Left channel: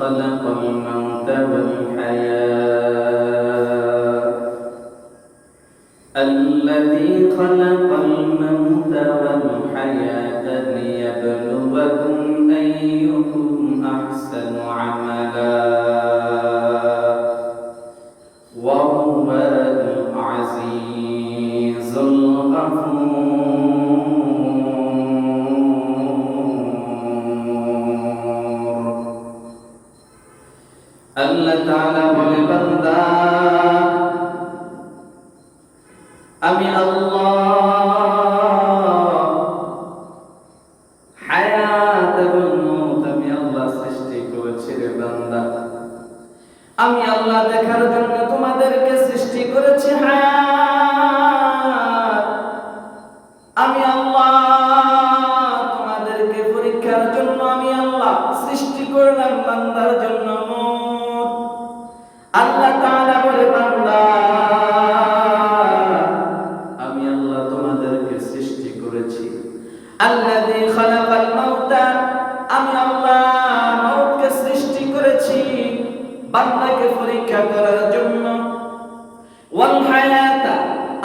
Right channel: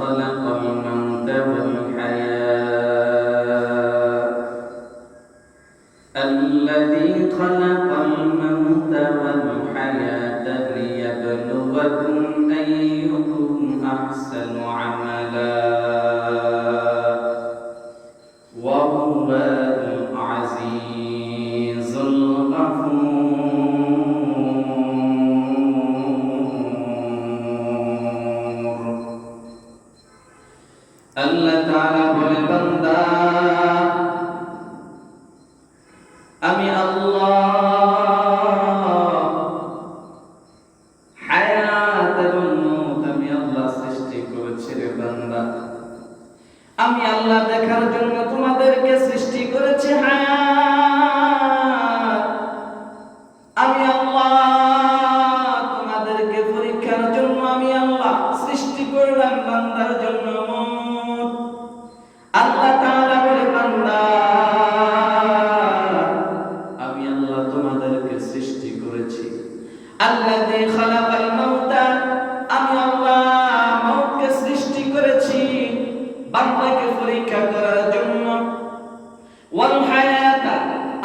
خلق الموت والحياة الذي خلق الموت والحياة ليبلوكم أيكم أحسن عملا وهو العزيز الغفور. আল্লাহ তাআলা বলে, বান্দা আমি আল্লাহ হায়াত এবং মওত আমি আল্লাহ সৃষ্টি করেছি রে বান্দা। আমি আল্লাহ দেখার জন্য তোমাদেরকে সৃষ্টি করেছি হায়াত। আমি আল্লাহ তোমাদেরকে পরীক্ষার জন্য আমি আল্লাহ সৃষ্টি করলাম বান্দার জন্য মওত। আল্লাহ তাআলা বলে, বান্দা আমি আল্লাহ তোমাদেরকে সৃষ্টি করেছি আল্লাযী খালাকাল মাউতা, আমি আল্লাহ মওতকে সৃষ্টি করেছি বান্দাকে পরীক্ষা করার জন্য। ওয়াল হায়াতা,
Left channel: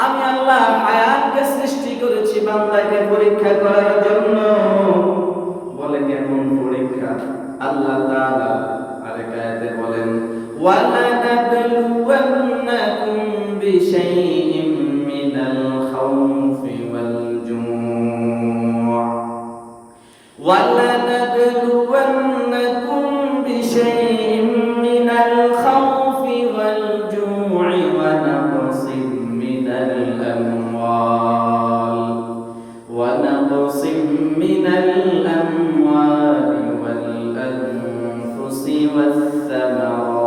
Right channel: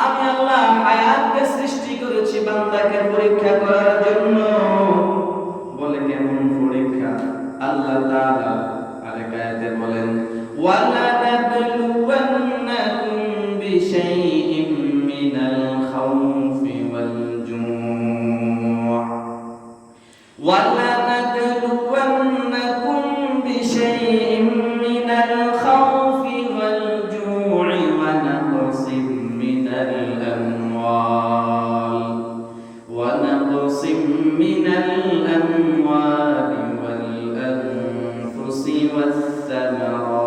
আমি আল্লাহ হায়াতকে সৃষ্টি করেছি বান্দাকে পরীক্ষা করার জন্য। বলে কেমন পরীক্ষা? আল্লাহ তাআলা আরেক আয়াতে বলেন, ওয়ালানাবলুওয়ান্নাকুম বিশাইইম মিনাল খাউফি ওয়াল জুউ' ওয়ালানাবলুওয়ান্নাকুম বিশাইইম মিনাল খাউফি ওয়াল জু'i ওয়া নাকসিম মিনাল আমওয়াল ওয়াল আনফুসি ওয়াস সামারাত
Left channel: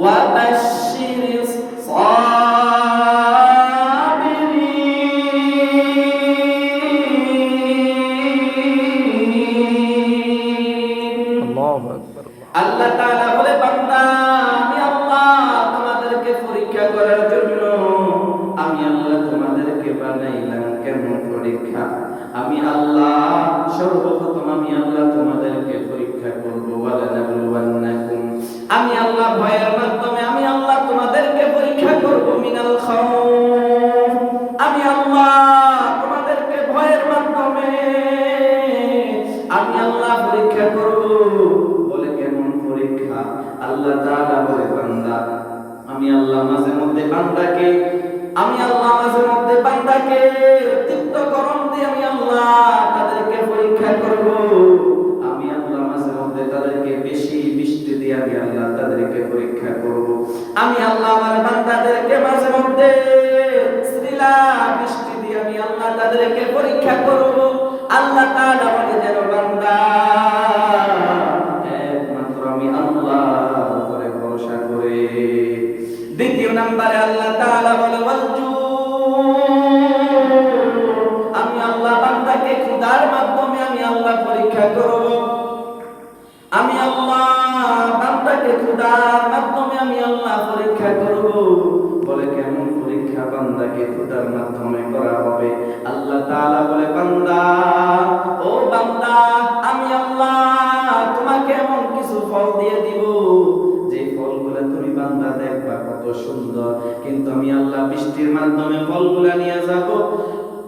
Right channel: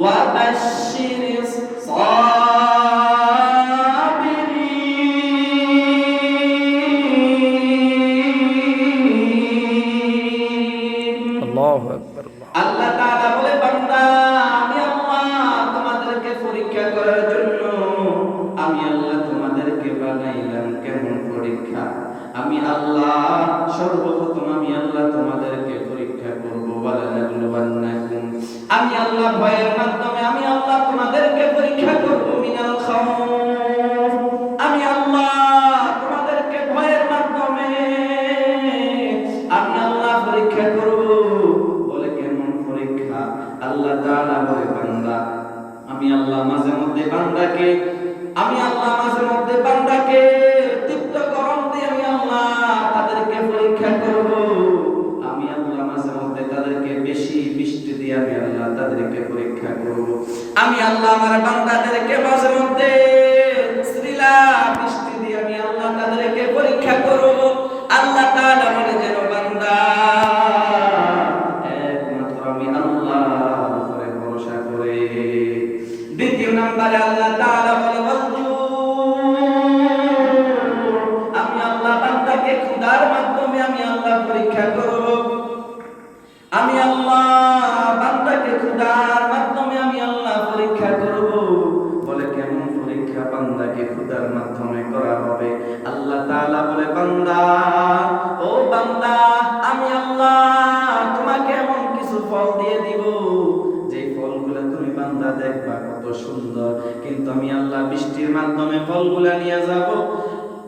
ওয়া বাশশিরিস সাবিরিন। আল্লাহু আকবার। আল্লাহ তাআলা বলে, বান্দা আমি আল্লাহ তোমাদেরকে পরীক্ষা করার জন্য আমি আল্লাহ তোমাদেরকে বানাইলাম। কেমন পরীক্ষা? আমি আল্লাহ সর্বপ্রথম আমি আল্লাহ তোমাদেরকে পরীক্ষা করব। ওয়ালানাবলুওয়ান্নাকুম, আমি আল্লাহ ভয়ের মাধ্যমে আমি আল্লাহ তোমাদেরকে পরীক্ষা করব। মিনাল খাউফ, আমি আল্লাহ তোমাদেরকে ভয়ের মাধ্যমে আমি আল্লাহ পরীক্ষা করব। বলে কেমন পরীক্ষা? আল্লাহ তাআলা বলে, বান্দা আমি আল্লাহ মাঝে মধ্যে বান্দাকে তৃপ্তকরণ দিয়ে আমি আল্লাহ তাদেরকে পরীক্ষা করব। আমি আল্লাহ মাঝে মধ্যে তাদেরকে বেশি বৃষ্টি দিয়ে আমি আল্লাহ তাদেরকে পরীক্ষা করব। আমি আল্লাহ আমার বান্দাদেরকে মাঝে মধ্যে শ্রীলা বৃষ্টি দিয়ে আমি আল্লাহ তাদেরকে পরীক্ষা করব। আল্লাহ তাআলা বলে, যেন বান্দা একমাত্র আমি আল্লাহর উপরে ভরসা করে। দ্বিতীয় নম্বরে আল্লাহ তাআলা বলে, আমি আল্লাহ বান্দাকে ক্ষুধার মাধ্যমে আমি আল্লাহ পরীক্ষা করব। আমি আল্লাহ বান্দাকে ক্ষুধার মাধ্যমে আমি আল্লাহ পরীক্ষা করব। বলে কেমন পরীক্ষা বান্দাকে ক্ষুধার মাধ্যমে করা হবে? আল্লাহ তাআলা বলে, বান্দা ও বান্দা আমি আল্লাহ তোমাকে এমন কিছু ফল দিয়ে দিব যে ফলগুলো তুমি বান্দা দেখবা কত সুন্দর, কিন্তু আমি আল্লাহ বৃষ্টির মাধ্যমে ফলগুলা নিয়ে যাব।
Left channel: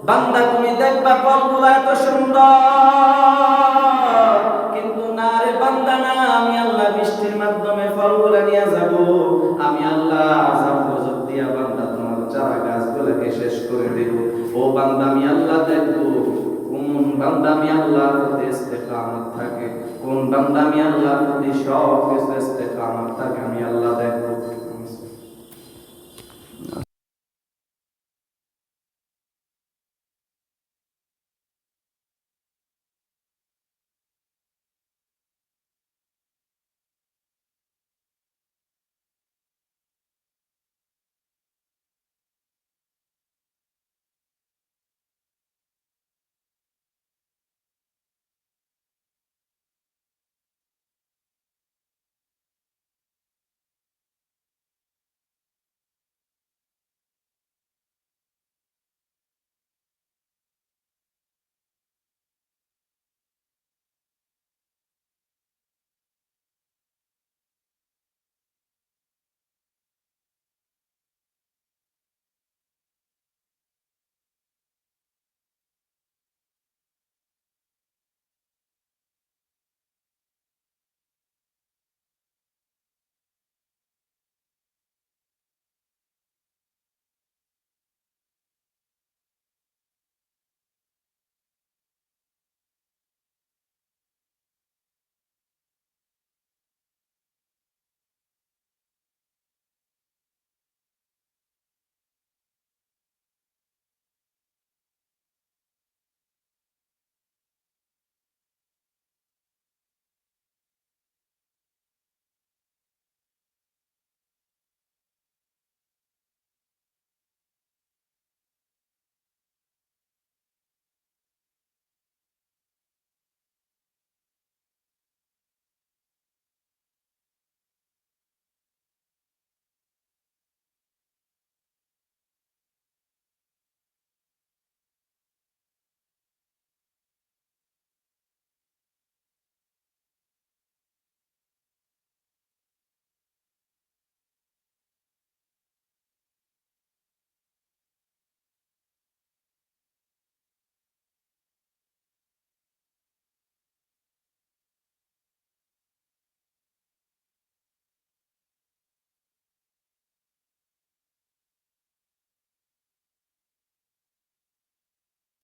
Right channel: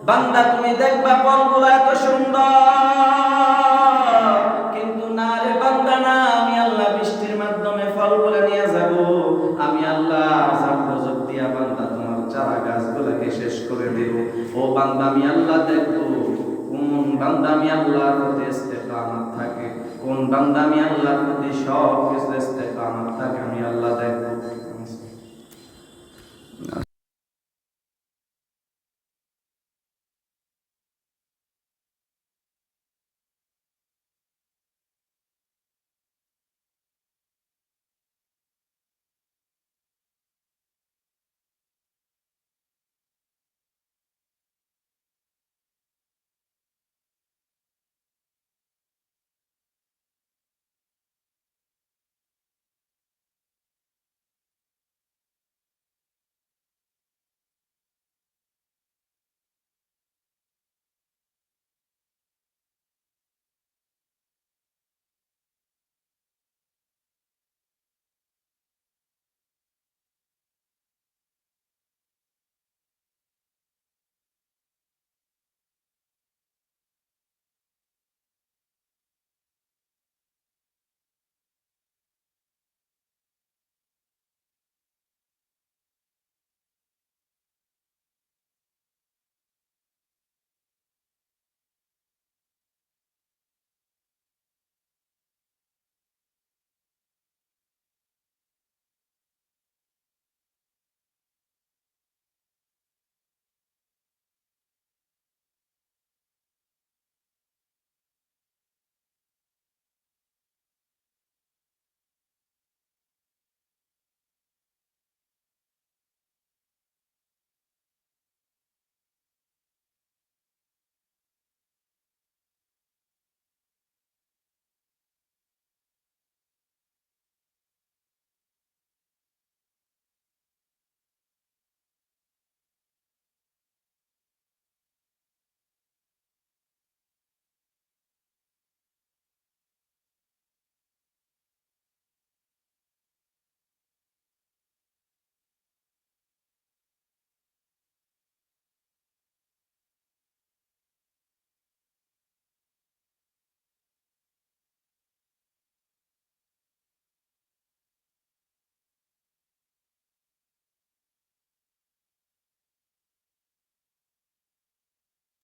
বান্দা তুমি দেখবা ফলগুলা এত সুন্দর, কিন্তু না রে বান্দা না, আমি আল্লাহ বৃষ্টির মাধ্যমে ফলগুলা নিয়ে যাব। আমি আল্লাহ আযাব গজব দিয়া বান্দা তোমার চারা গাছগুলোকে শেষ করে দেব। ও বান্দা আমি আল্লাহ দেখবো কোন বান্দা আমি আল্লাহর প্রতি ইস্তেকামত থাকে, কোন বান্দা আমি আল্লাহর প্রতি সব কিছু ইস্তেকামত থাকে, আমি আল্লাহ দেখবো।